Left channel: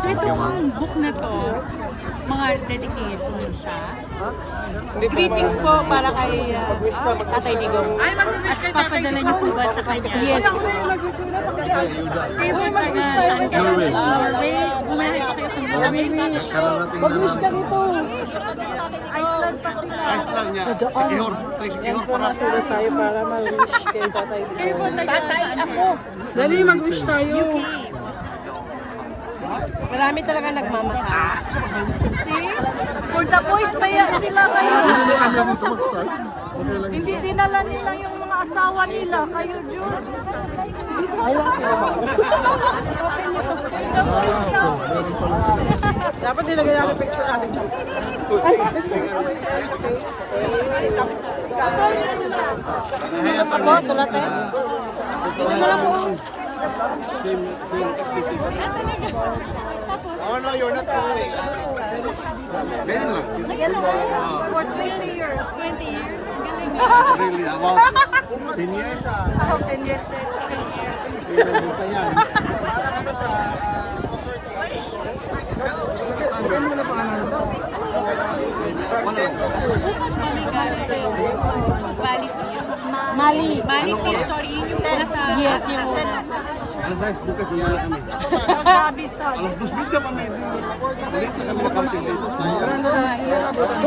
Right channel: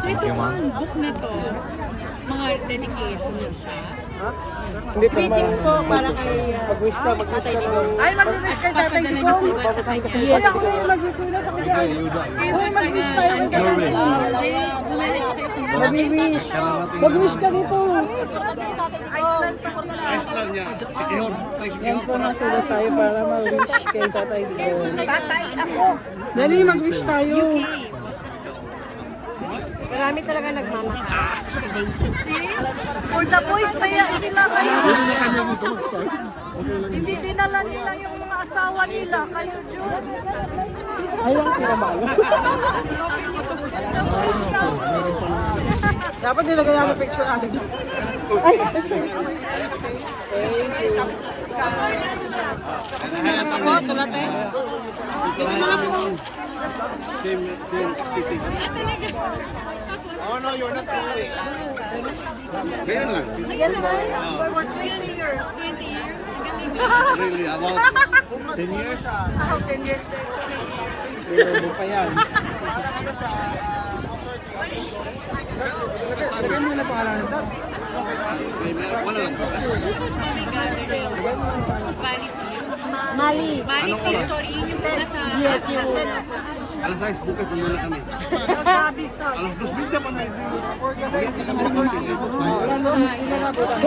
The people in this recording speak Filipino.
So itong book na to, mga dedication siya. Greetings po para kay Tatay Nigo. At papadala niyo po ba sa kanya? Yes. Kayo po taga saan ka? Norway. Norway? Bumalik pa kayo sa Norway. Mag-wish ka dito. Iceland niya. Sikihor. Sikihor para. Sulat tayo para mag-wish kay Tatay. Tatay, ako. Dali, mag-wish tayo. Marami talaga nagmamahal. See? For the boys pa yan sila. Hindi na kami dito mag-start. Okay lang. Hindi dinala nila yung mga asawa nila. Kayo, Jun. Ayaw sila. Dapat nilagay namin picture natin. Ako, sulat tayo. Dito na lang po. Same city. Oh no, you're not going. Meron lang. Yes, ma'am. 20 years. 20 years. Really, about 10 years? 10 years. Ilobo pa yan. Lagay mo na pangalan. Wala lang. Bukas Mali. Anong oras? Sorry, yung nasa... Yes, yung... Alas 6 bukas, bumala kami. Alas 2 bida pa may. Late na kami makamping dito. Wala na na. Hindi na mabutan.